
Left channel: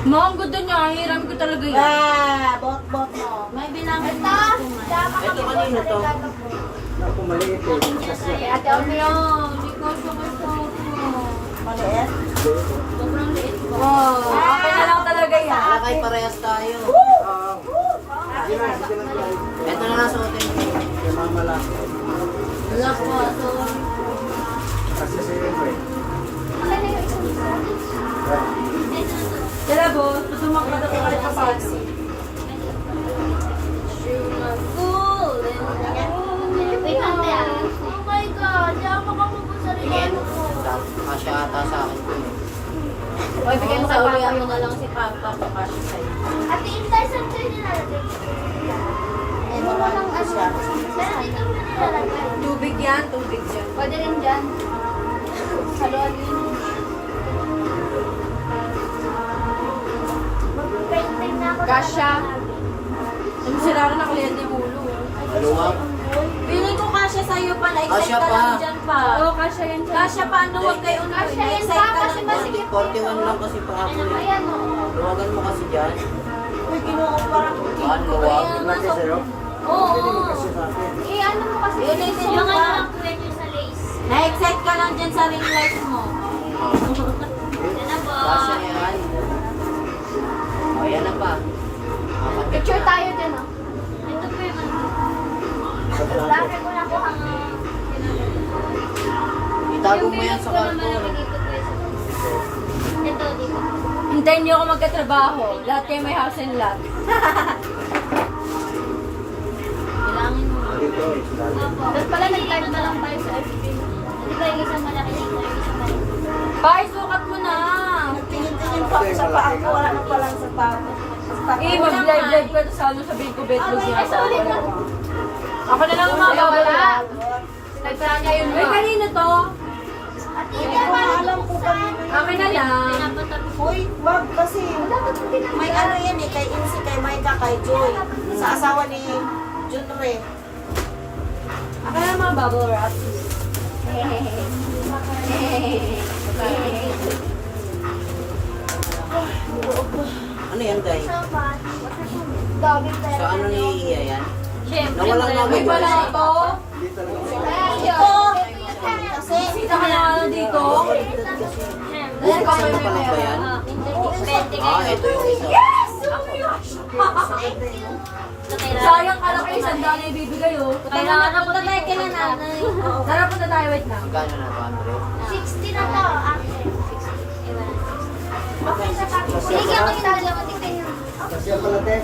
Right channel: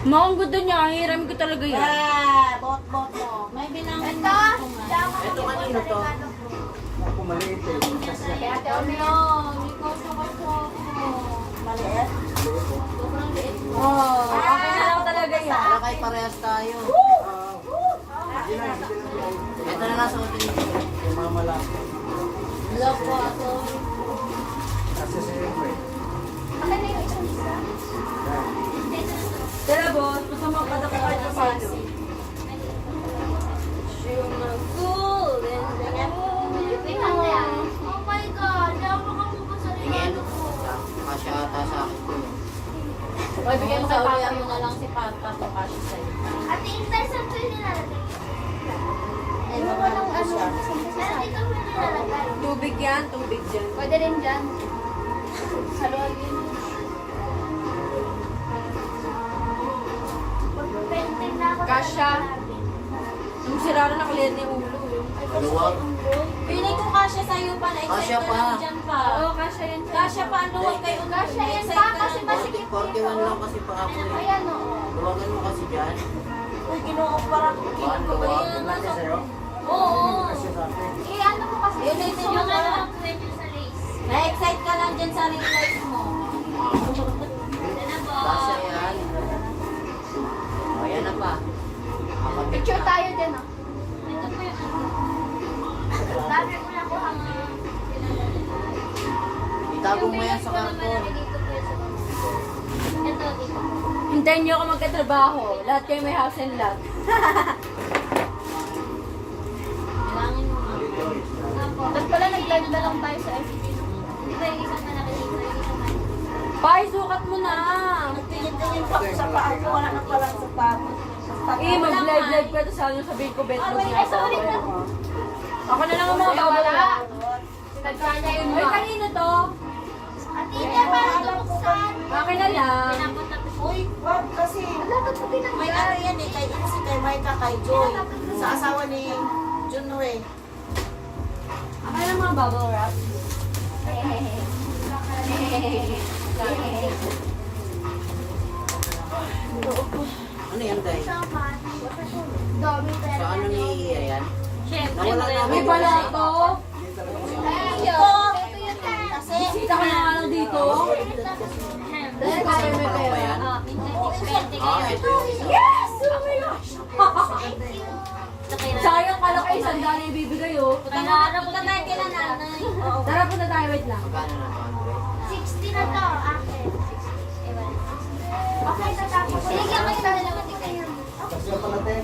Ma, ang ganda niya. Hiram ko talaga yan. Bot-bot mo. May bilangin Ito, mo ito, man. Ito kanino to? Naku, maliit eh. Kaya ate, No, hindi ko siya kasama. Maliit. Sobrang liit ko. Wow, akin na lang talaga yan. Wala kay parehas tayo. Sige lang, sige lang guys. Ito na lang suotin mo. Kay mama lang. Wala po, ato. Kasi sa iyo eh. okay na yung isang isa. Tira, boss. Tusumang ka na kahit pa paano. Wait, ate ah. Oh my God, di ako makapupun sa Tingin. regalo ko. Kasya ata sa akin ko eh. Oy, bigyan mo Sa sa uwian papa. mo na lang si Papa kung kasi sa'yo. Ate, intay saan kayo nilalagay? Ano na lang siya. Pero dito mo nilalagay. Tubig yan, tubig dyan. Pwede rin dyan. Halo-halo yun. Mag-painting na ako. Kasha. Yung sira na nakalian yung ulo. Maluwag. Piling ko kasya sa'yo pa. Na-excite Kasya ka pa. lang dyan pa. Oo, kasha yan dyan. Kasya pa, ano huwag kayo na. Kasya yan Na-excite pa, ka kasi lang. masikip. 41 lang kasi pa ako eh. Ayan, oo. Luwagan mo kasi dyan. Uy, kinukumpara ko. Baka luwag. Kaya nga, Laki sa'yo. Oo. Kasi sa akin. Eh, ano mo kasi? Yun yung Yung mga ano, lang pwede sa lace. Na-excite ka lang dyan sa ring light mo. Yan na po. Kasya yan. O, yan na pa. Apat ka picture na. tayo din, oh. Ito po yung ano. Dami ko na ako ang Itago mo yan sa karton. Ito, dito. Hintayin niyo ako magkatrabaho. Lahat kayo may house and lot. Bilangin mo. Dito eh. Sila. Opo. Doon pala nag-live na lang tayo sa FB. Hindi ba yung isang malaki dito, yung isang malaki? Bye, sukat mo na. Nagtingin-tingin pa ako sa paa ko. Wala na palang sapatos. Eh, mag-live-live ka to sa ano, sabihin ko bet mo siya. sorry na. Ako na lang Kaya umababa. wala. Sinagsa niya yun, Uy, ma. kanino to? Ate, hindi parang Alam ko pa. Akin na lang. Pinapatabi. Uy, wag kasi. May ano yan eh, kay Insi, kay Maika, kay Joy. Sa asawa ni Junre. Akin na lang mga bubble wrap. Ano yan, Day? dami Sa ano ni Iya yan? Siyempre, Nawala nga Uy, ako. wala ito. Ito! Kasi, Kita ka na ano dito. Kasama pa lang ba yan? Ah, ito yung isa. Sayang ka lang kayo, sandaan na ibibigay oh. Kailangan punta tayo kila nanay. Tara, punta tayo, wait lang. Magkano na ba, Andre? 60 na to, ate. Magkano 60? Sige, ako yung dalawa tingnan. Kasi pala te.